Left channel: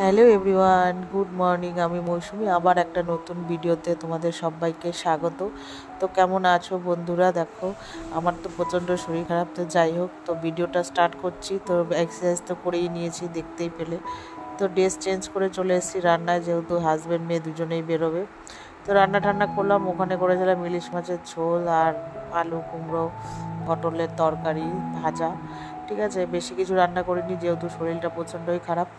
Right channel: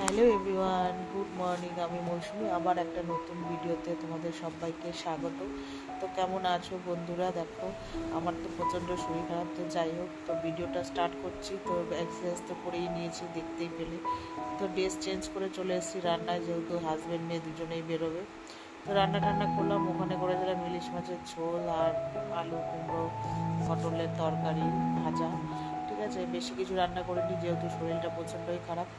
Hello everyone, good morning. আমি মৌসুমি, আবার একটা নতুন ভিডিওতে তোমাদের সবাইকে স্বাগত। তো কেমন আছো বন্ধুরা? দেখো আমার তো প্রচণ্ড শরীর খারাপ, তো যাই হোক, তো ভিডিওটা স্টার্ট করছি। তো এক্সারসাইজ তো করেই নিয়েছি, দেখতেই পেলে। তো ড্রেস চেঞ্জ করে চলে এসেছি রান্নায়, যেহেতু হাজব্যান্ড মেয়ে দুজনেই বেরোবে। তো রান্না ঠান্না করলাম, ওখানে করেছিলাম ইলিশ মাছের ঝোল আর আলু কুমড়ো পটলের তরকারি ভাজা। ঠিক আছে, বেশি কিছু রান্না করিনি, যেহেতু শরীরটা প্রচণ্ডই খারাপ।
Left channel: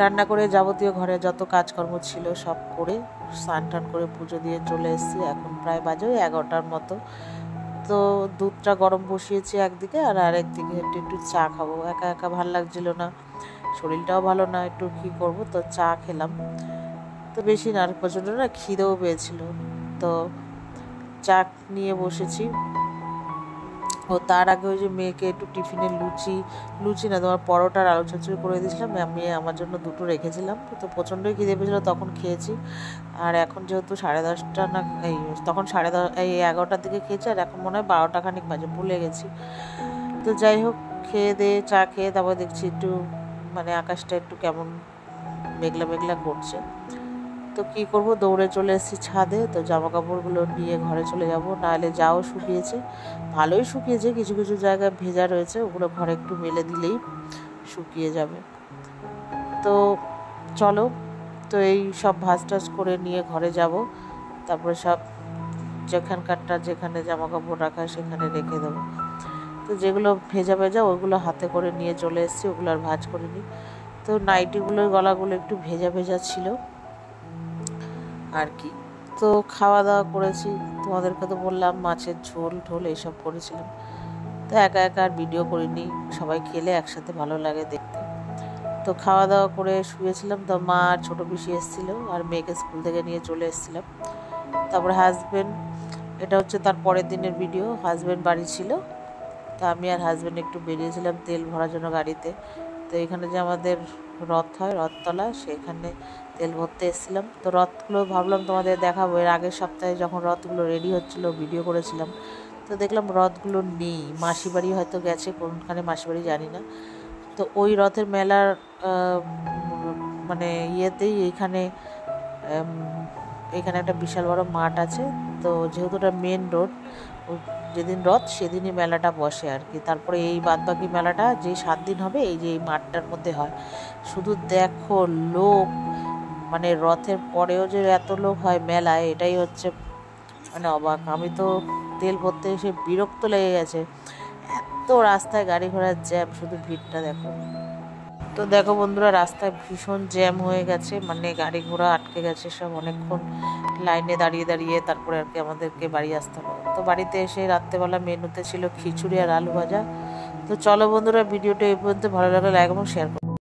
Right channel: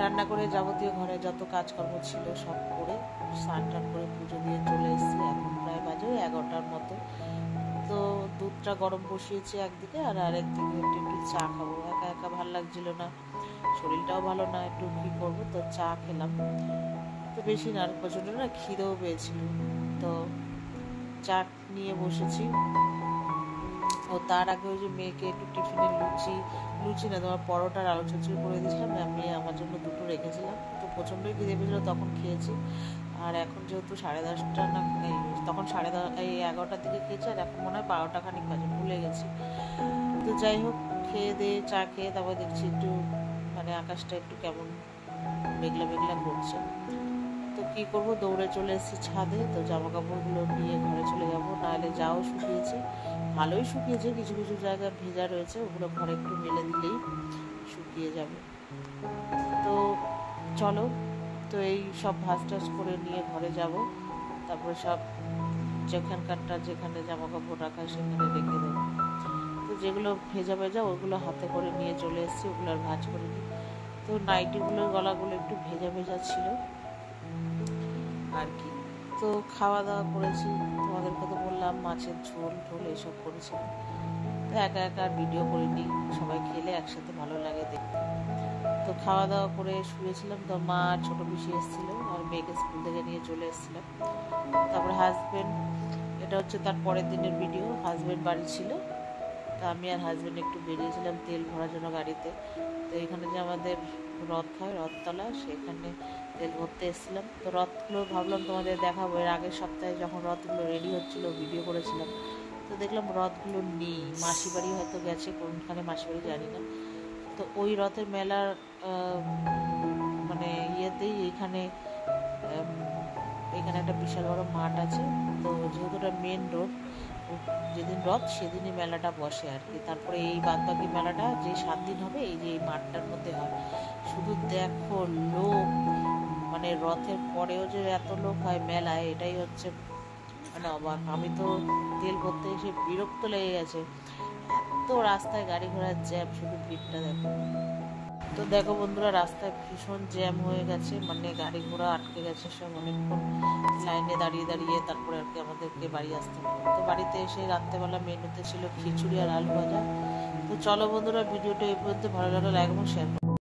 রান্না করে যাবতীয় ঘরে যত কাজকর্ম ছিল সব করে স্নান টান করে পুজো দিয়ে চলে এসেছি। এখন প্রায় বাজে ওই 11টার মতো। তো দুধটা গরম বসিয়েছি একদিকে, আর আরেকদিকে একটু একটু চা খাবো। একা একা ভাল লাগছিল না, শরীরটাও ভালো না, একটু কী করবো, তো চা খেলাম। তো বেশি না, প্রচণ্ড না খিদেও পেয়েছিল, তো চা নিয়ে বসেছি। ও তার আগে ওই যে মেয়েকে একটু টিফিনে লুচি না তোমার পরোটার আলু চচ্চড়ি করে দিয়েছিলাম, আমি আমার জন্য দুটো রেখেছিলাম। তো প্রচণ্ডই খিদে পেয়েছিলো, তখন খেয়েছি। আর এখন যেহেতু 10:30 না, তখন 11টার দিকে খেয়েছি, আর এখন মনে হয় 12টা খানিক বাজে, ভুলে গেছি। তো যাই হোক, খেয়ে দিয়ে চা খেয়ে তারপর দেখছি একটু মানে আকাশটা একটু কেমন মেঘলা মেঘলা করছে। তো কী করবো, দৌড়ে চলে এসেছি ছাদে। তো জামা কাপড়গুলো নিয়ে ঘরে চলে যাব, নাহলে যাও শুকিয়েছে, ভালোই শুকিয়েছে, কিছু কিছু জায়গায় ভেজা রয়েছে, ওগুলো ঘরে একটু মেলে দিলেই শুকিয়ে যাবে। তো চলো, তো এই সব ভাঁজ টাজ করে নিয়ে ঘরে যাব, তারপরে সব যেখানে জামা কাপড় রাখা সেখানে রেখে দেবো। তো যেগুলো ভেজা ভেজা ওইগুলো হাতে করে নিয়ে চলে এসেছি, ওগুলো আর ভাঁজ করিনি। তো নাইটিগুলোর গলাগুলো একটু ভেজা ভেজা ছিল আর কি। তো খাওয়া দাওয়া করেছি, তোমাদেরকে তো বললাম মাছের ঝোল ঢোল এইসব করেছিলাম। তো একা একা আর ভিডিও করিনি, সবাই খেলে একসাথে ভালো লাগে দেখতে। তো খাওয়া দাওয়া করে শুয়েছিলাম। তো মা আর ছোটো পিসি এসেছিলো, আর মেয়েকে স্কুল থেকে নিয়ে চলে এসেছিলাম। তারপরে হাজব্যান্ড, এটা হচ্ছে তার পরের দিনের ভিডিও, হাজব্যান্ড বাড়ি ছিল। তো আমি আর হাজব্যান্ড একটু বেরিয়েছিলাম তেল ভরার জন্য গাড়িতে। তো এখানে যে আমাদের রথ হয়, রথতলা, সেখানে তেল ভরতে এসেছিলাম। তো রথগুলো ভাবলাম তোমাদের দেখাবো, এর আগের সপ্তাহে যখন রথগুলো রেডি হচ্ছিলো ভিডিও করেছিলাম। তো দেখলাম রথগুলো নেই, মাসি বাড়ি হয়তো গেছে, কোনখানে মাসি বাড়ি জানি না। তো ওই রথের মেলার মানে ইয়েতেই এখানে একটা বিশাল বড় মাঠ আছে। তো যেহেতু ওটা মেন রোড, যেদিন রথ সেদিনই মেলাটা বসে আর কি। তারপরে এই বাদবাকি মেলাটা যে 7 দিন হবে, এই যে এই মাঠটার মধ্যে হয়। শুধু দেখো লোক, মানে রথের পরেও যে এত লোক হয় মেলায়, এটাই হচ্ছে মানে অবাক। আমি তো তেল ভরতে এসে বিরক্ত লেগে গেছে, এত রাস্তায় গাড়ি ঘোড়ার জ্যাম, শুধু ভিড়টা দেখো। তো দেখো বন্ধুরা, রাস্তায় ভীষণ জ্যাম হয়ে গেছে, মানে গাড়ি ঘোড়া আটকে গেছে সব, অনেকক্ষণ লাইনে দাঁড়িয়ে দাঁড়িয়ে তারপরে আর কি আমাদেরকে বাড়ি আসতে হবে। তো বাড়িতে এসে রাত্রেবেলা মেনুতে ছিল খিচুড়ি আর আলু ভাজা। তো চলো বন্ধুরা, ভিডিওটা এই পর্যন্ত, ভালো লাগলে লাইক এবং শেয়ার করো।